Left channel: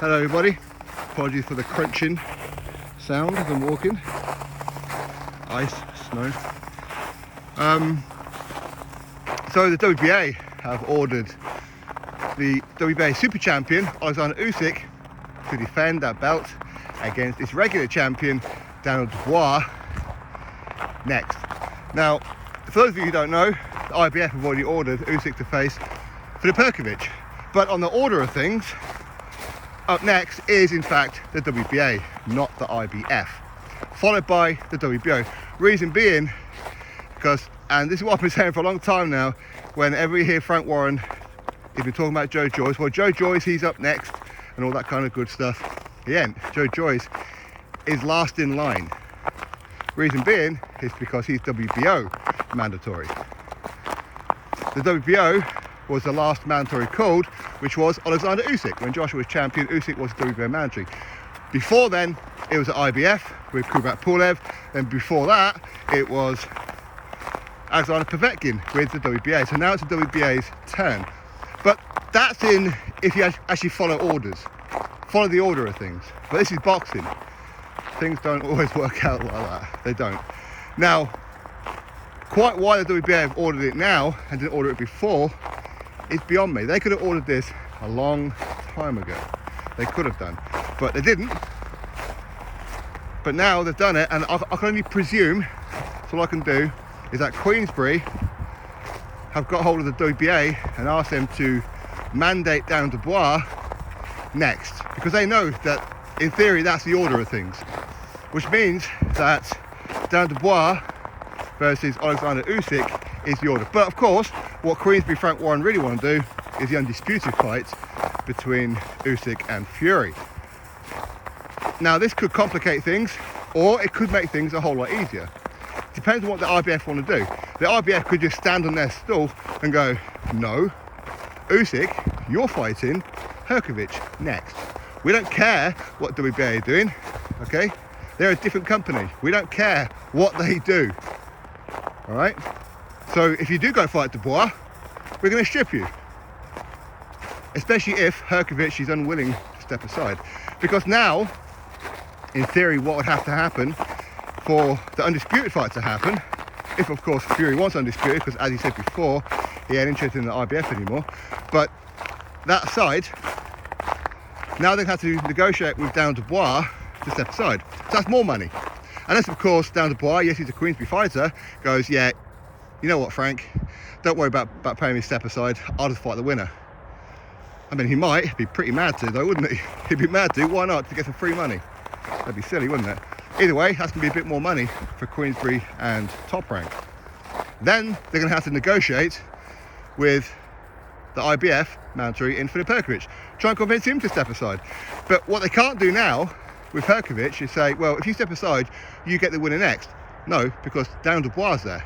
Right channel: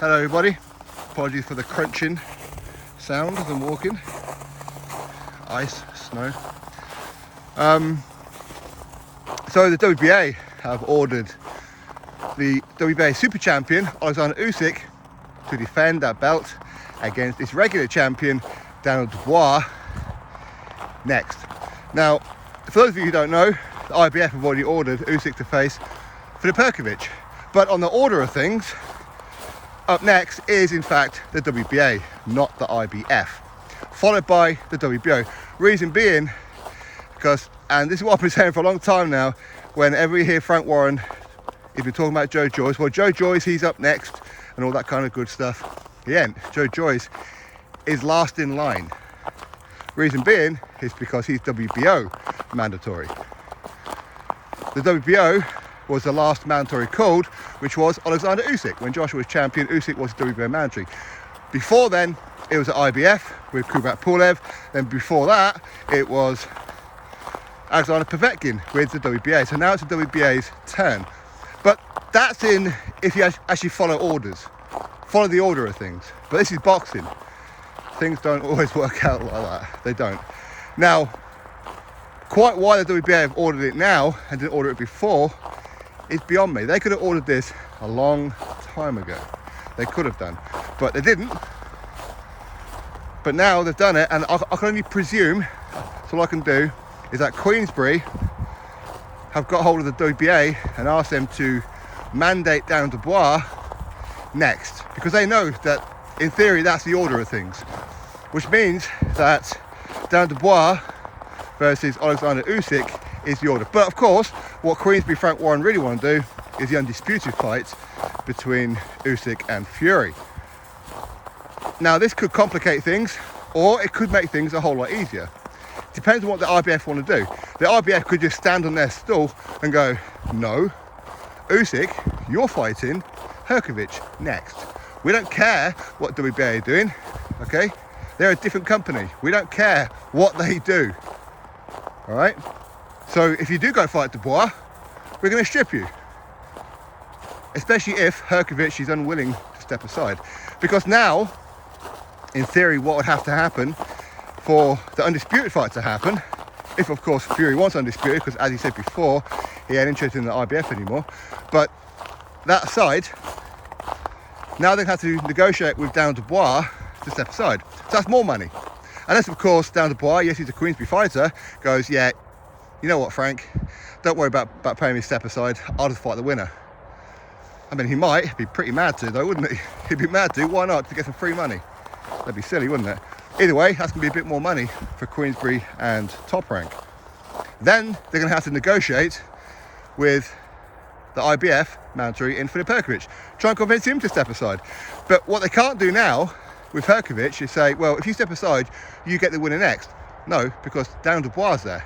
Hello everybody, apologies for the crunching sound as I'm walking. Ice, snow. So the WBA have ordered the WBA Super Champion Oleksandr Usyk to defend that belt against its regular champion Daniel Dubois next. Now, for those of you who don't know, the IBF have already ordered Usyk to face Filip Hrgovic, but on the order of things, up next is in fact the WBA, not the IBF, followed by the WBO. Reason being, because, and this is what I've been saying for a long time now, whenever you hear Frank Warren, if you're talking about Joe Joyce, well, Joe Joyce, he's up next and all that kind of good stuff. Yeah, Joe Joyce is last in line. Reason being is because he's WBO mandatory. The WBO was the last mandatory called, which was Oleksandr Usyk. When Joshua was champion, Usyk was WBO mandatory. Before then, it was the IBF with Kubrat Pulev. Then before that, it was Alexander Povetkin with the WBA. So now it's the WBA's turn. But that's in if you actually follow orders. Follow the order of things. But this is boxing. Things don't always work out like that. They don't. Now, quite why the WBA have ordered it now and didn't order it before is beyond me. They could have ordered this a long time ago. They could have done, but they didn't. But now they've done it, and I can only presume, so all I can do is that Queensberry have got hold of the WBA and asked them to mandate Daniel Dubois next, because they know that in theory that's the order of things, which means that Daniel Dubois versus Oleksandr Usyk is the order. But of course, what Queensberry Frank Warren really want to do is the undisputed fight between Usyk and Fury. Now this could complicate things, or it could make things a whole lot easier. Depends on what the IBF want to do. The IBF could just stand on their stool and go, no, Usyk, you're fighting Hrgovic next. We don't care what WBA are doing, okay? They're a different company. We don't care what they do, all right? So if you do go fight Dubois, we're going to strip you. Especially if Hrgovic is unwilling to step aside. Because now, in theory, what would have to happen for the undisputed fight to happen, if of course Fury wants undisputed, because as he said before, he ain't interested in the IBF anymore, but that aside, now they have to negotiate with Daniel Dubois to step aside. So that's more money. Unless of course Daniel Dubois, yes he's a Queensberry fighter, goes, yeah, you know what Frank, don't worry about paying me step aside, I'll just fight the winner. I mean, he might be pretty mad to though, wouldn't he? He'd be mad to, why not, to get some free money? That'd be silly, wouldn't it? Either way, that's going to be a bit more money for Queensberry and Top Rank. Then they're going to have to negotiate with the IBF mandatory in Filip Hrgovic. Try and convince him to step aside. But what they can't do now with Hrgovic is say, well, if you step aside, you get the winner next. No, because Daniel Dubois is there.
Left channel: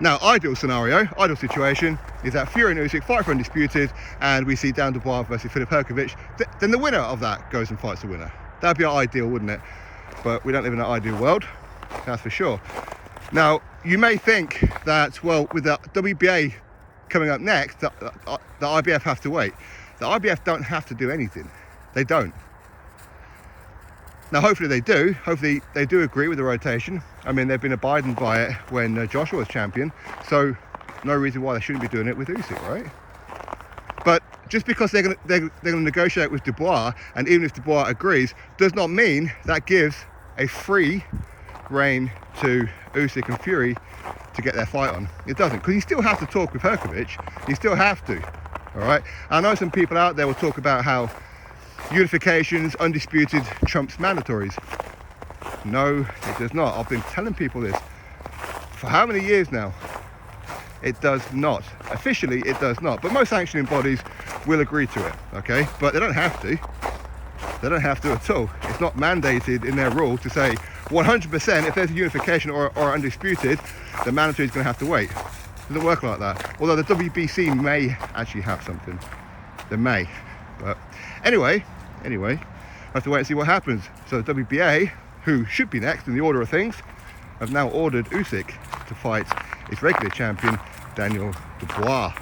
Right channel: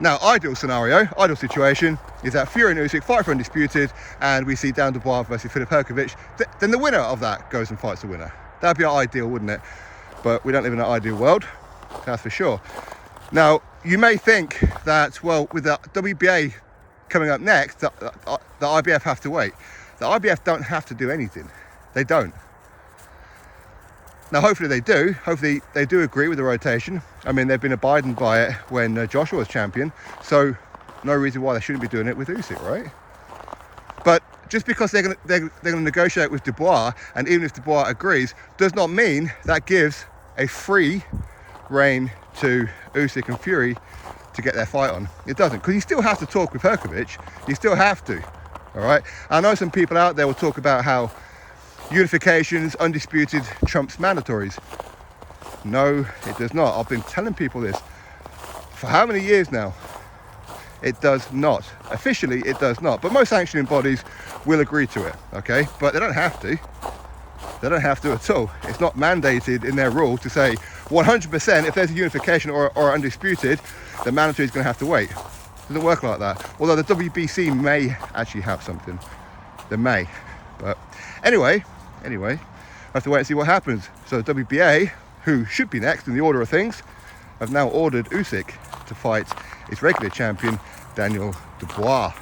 Now, ideal scenario, ideal situation, is that Fury and Usyk fight for undisputed, and we see Daniel Dubois versus Filip Hrgovic. Then the winner of that goes and fights the winner. That'd be ideal, wouldn't it? But we don't live in an ideal world, that's for sure. Now, you may think that, well, with the WBA coming up next, the IBF have to wait. The IBF don't have to do anything. They don't. Now, hopefully they do. Hopefully they do agree with the rotation. I mean, they've been abiding by it when Joshua was champion, so no reason why they shouldn't be doing it with Usyk, right? But just because they're going to negotiate with Dubois, and even if Dubois agrees, does not mean that gives a free rein to Usyk and Fury to get their fight on. It doesn't, because you still have to talk with Hrgovic. You still have to, all right? I know some people out there will talk about how unifications, undisputed trumps mandatories. No, it does not. I've been telling people this for how many years now? It does not. Officially, it does not. But most sanctioning bodies will agree to it, okay? But they don't have to. They don't have to at all. It's not mandated in their rules to say 100% if there's a unification or undisputed, the mandatory is going to have to wait. It doesn't work like that. Although the WBC may actually have something. They may. But anyway, I have to wait and see what happens. So the WBA, who should be next in the order of things, have now ordered Usyk to fight its regular champion, Daniel Dubois.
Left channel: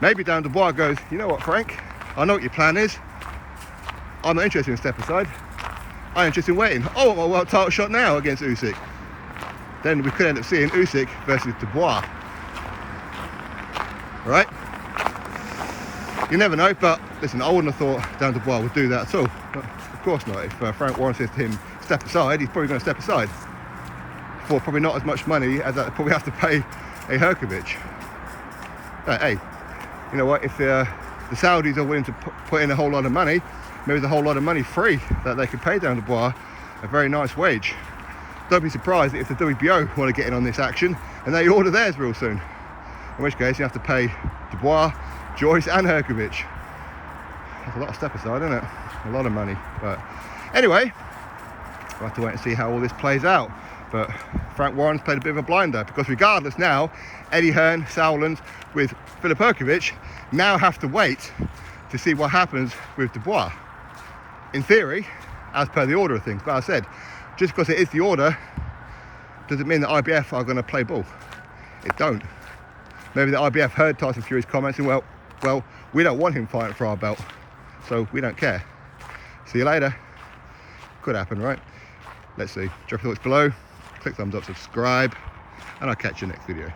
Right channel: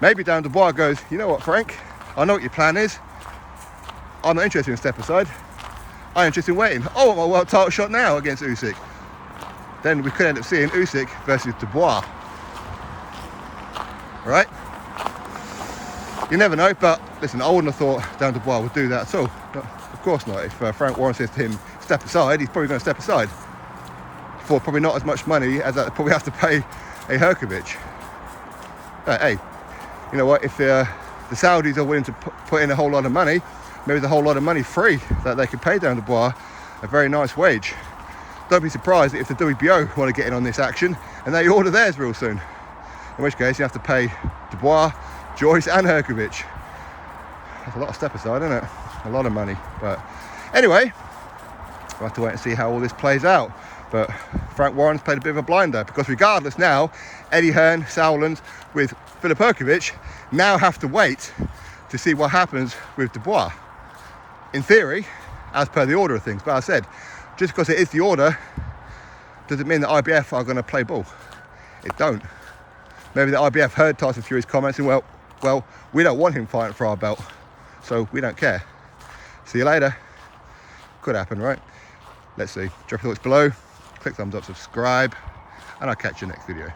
Maybe Daniel Dubois goes, you know what, Frank? I know what your plan is. I'm not interested in step aside. I'm interested in waiting. Oh, a world title shot now against Usyk. Then we could end up seeing Usyk versus Dubois. Right? You never know, but listen, I wouldn't have thought Dan Dubois would do that at all. But of course not. If Frank Warren says to him, step aside, he's probably going to step aside. For probably not as much money as that probably have to pay a Hrgovic. But hey, you know what? If the Saudis are willing to put in a whole lot of money, maybe the whole lot of money free that they could pay Dan Dubois a very nice wage. Don't be surprised if the WBO want to get in on this action and they order theirs real soon. In which case you have to pay Dubois, Joyce and Hrgovic. That's a lot of step aside, isn't it? A lot of money. But anyway, we'll have to wait and see how all this plays out. But Frank Warren's played a bit of a blinder, because regardless now, Eddie Hearn, Sauerland with Filip Hrgovic now have to wait to see what happens with Dubois. In theory, as per the order of things. But as I said, just because it is the order, doesn't mean that IBF are going to play ball. It don't. Maybe the IBF heard Tyson Fury's comments and well, we don't want him fighting for our belt, so we don't care. See you later. Could happen, right? Let's see. Drop your thoughts below. Click thumbs up, subscribe, and I'll catch you next video.